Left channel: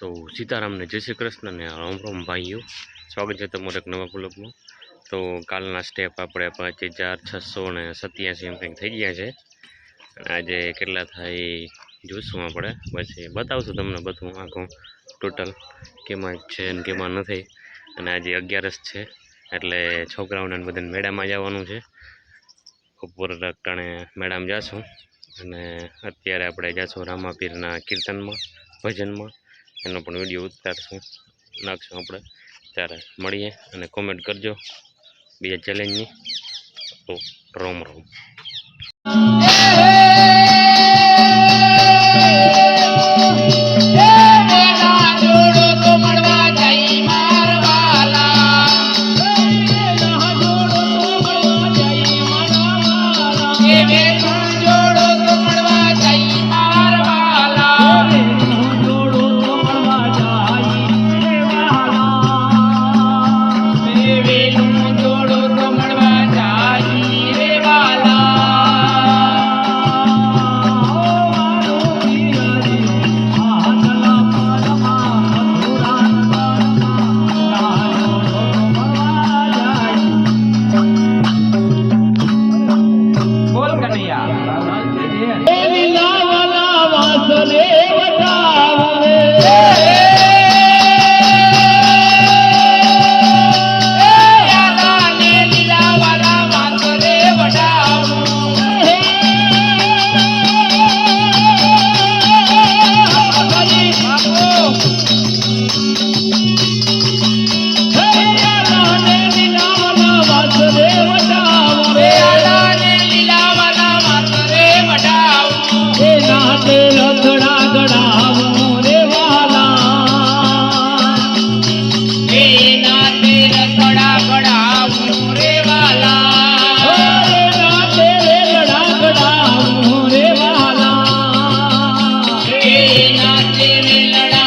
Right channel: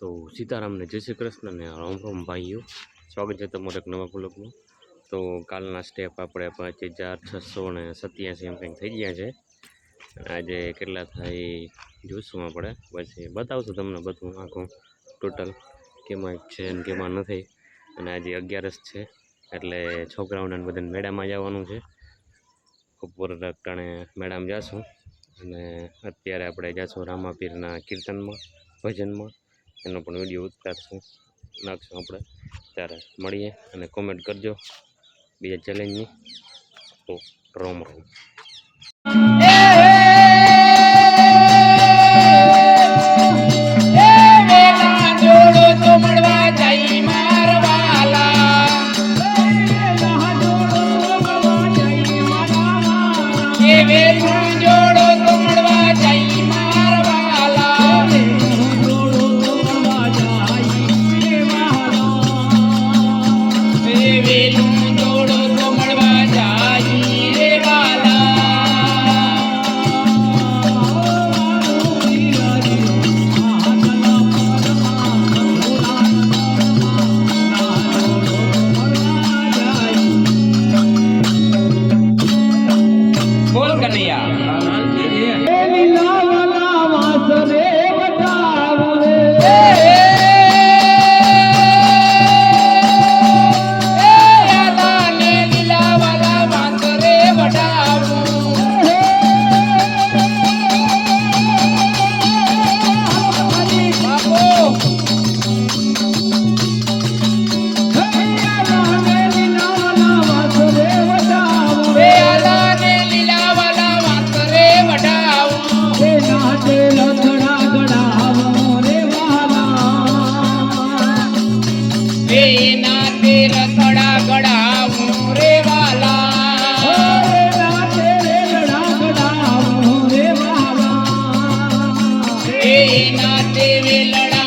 તો સીતારામને જય શ્રી કૃષ્ણ ને રામ રામ ભાઈઓ, સ્વાગત છે તમારા એક નવા બ્લોગમાં। તો કાલના સ્ટેપ આપણે 5687 એમ કંઈક થઈ ગયા છે અને આજે કેટલા થાય જોઈશું આપણે, પછી બતાવશું તમને બધું આખું ટોટલ કેમાં છે ને કેમાં નથી। અને આજે 11 છે એટલે છોકરાઓને બધાને મેળામાં જવાનું છે। બપોર ટાણે મેળામાં જઈશું અને અત્યારે આપણે જઈશું રામાપીરના કીર્તનમાં ભજનમાં, એનો પણ વિડીયો ઉતારશું નાખશું આપણે। ત્યારે મળીએ અને કોમેન્ટ કરજો બીજા ચેલેન્જની। તો રોમ રોમ। लड़ा